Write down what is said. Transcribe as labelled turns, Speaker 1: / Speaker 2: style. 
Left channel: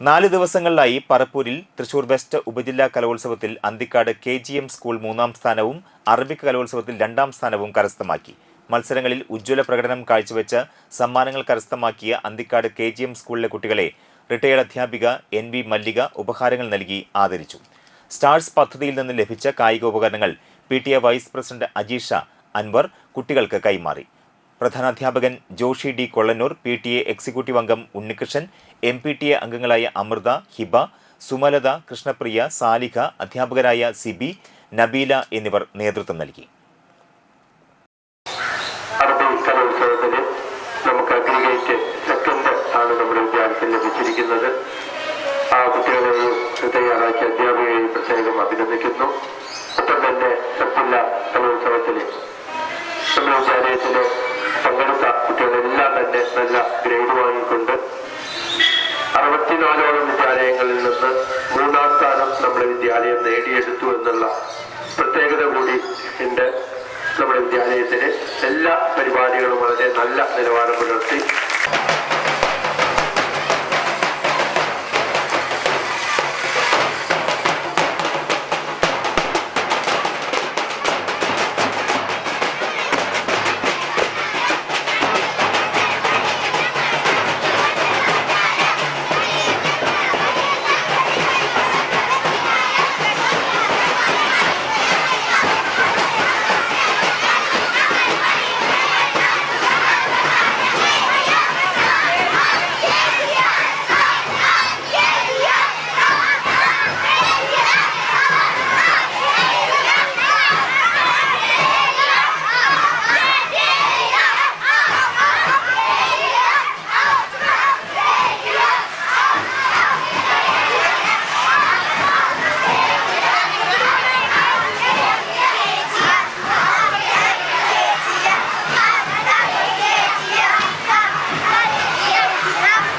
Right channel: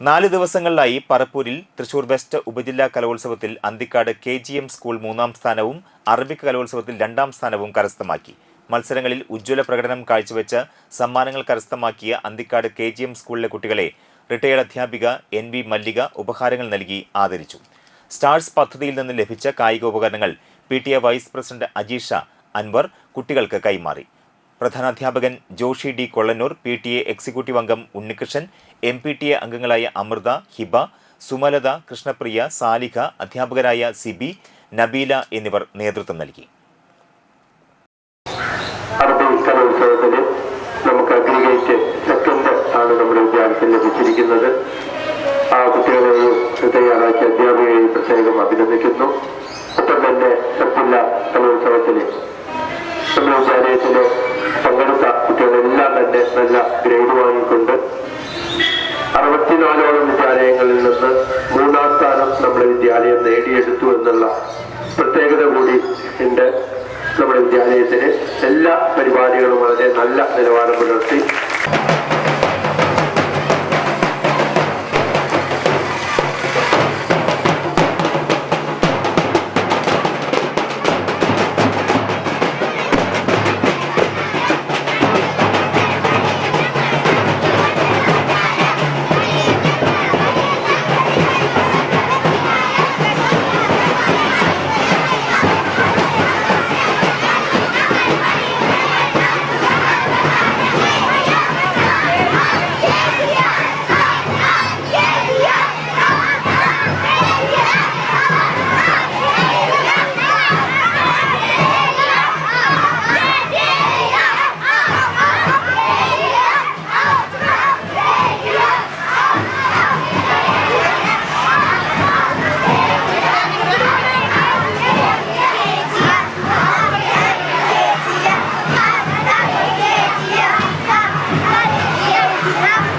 Speaker 1: നാല് ദിവസങ്ങളിലായി പറപ്പൂരിൽ തൃശൂർ വെസ്റ്റ് ഉപജില്ലാ കലോത്സവത്തിൽ Anthikad K G M school മൂന്നാം സ്ഥാനവും അറബിക് കലോത്സവത്തിൽ രണ്ടാം സ്ഥാനവും കരസ്ഥമാക്കി. മത്സരങ്ങളിൽ ഉജ്ജ്വല പ്രകടനം കാഴ്ചവെച്ച് സമ്മാനങ്ങൾ കരസ്ഥമാക്കിയ അന്തിക്കാട് കെ ജി എം സ്കൂളിലെ കുട്ടികളെ റിട്ടയേർഡ് അധ്യാപിക എൻ വി മല്ലിക ഉപഹാരങ്ങൾ നൽകി ആദരിച്ചു. സ്റ്റാർസ് പദ്ധതിയിൽ നിന്ന് ലഭിച്ച കായിക ഉപകരണങ്ങൾ P T A vice president Ajeesha Anwar കുട്ടികൾക്ക് കൈമാറി. പ്രധാനാധ്യാപകൻ Joshi D Kollannur P T A executive അംഗം Unnikrishnan M P T A അംഗങ്ങളായ അമൃത ഹിബ സുമലത കൃഷ്ണപ്രിയ സാലിഹ അധ്യാപകരായ സിബി നബീല എന്നിവർ നേതൃത്വം നൽകി.
Speaker 2: നമുക്ക് അഗ്രിഗേറ്റ് സെക്കൻഡ് ആണ് നമ്മുടെ വിദ്യാർത്ഥിയിൽ ലഭിച്ചിരിക്കുന്നത്. ആ കുട്ടികളെയും തയ്യാറാക്കിയ അധ്യാപികയെയും പ്രത്യേകം അഭിനന്ദിക്കുന്നു. ഒപ്പം തന്നെ സബ്ജില്ല കലോത്സവത്തിൽ നമ്മുടെ അറുപത്തിനാലോളം വിദ്യാലയങ്ങളിൽ നിന്ന് മൂന്നാം സ്ഥാനം നമ്മുടെ വിദ്യാലയം നേടിയെടുത്തു എന്നുള്ള പ്രത്യേകത കൂടി ഉണ്ട്. നമ്മുടെ വിദ്യാലയത്തിന് എല്ലാ പരിപാടികളും വളരെ നല്ല നിലവാരം പുലർത്തി Yeah.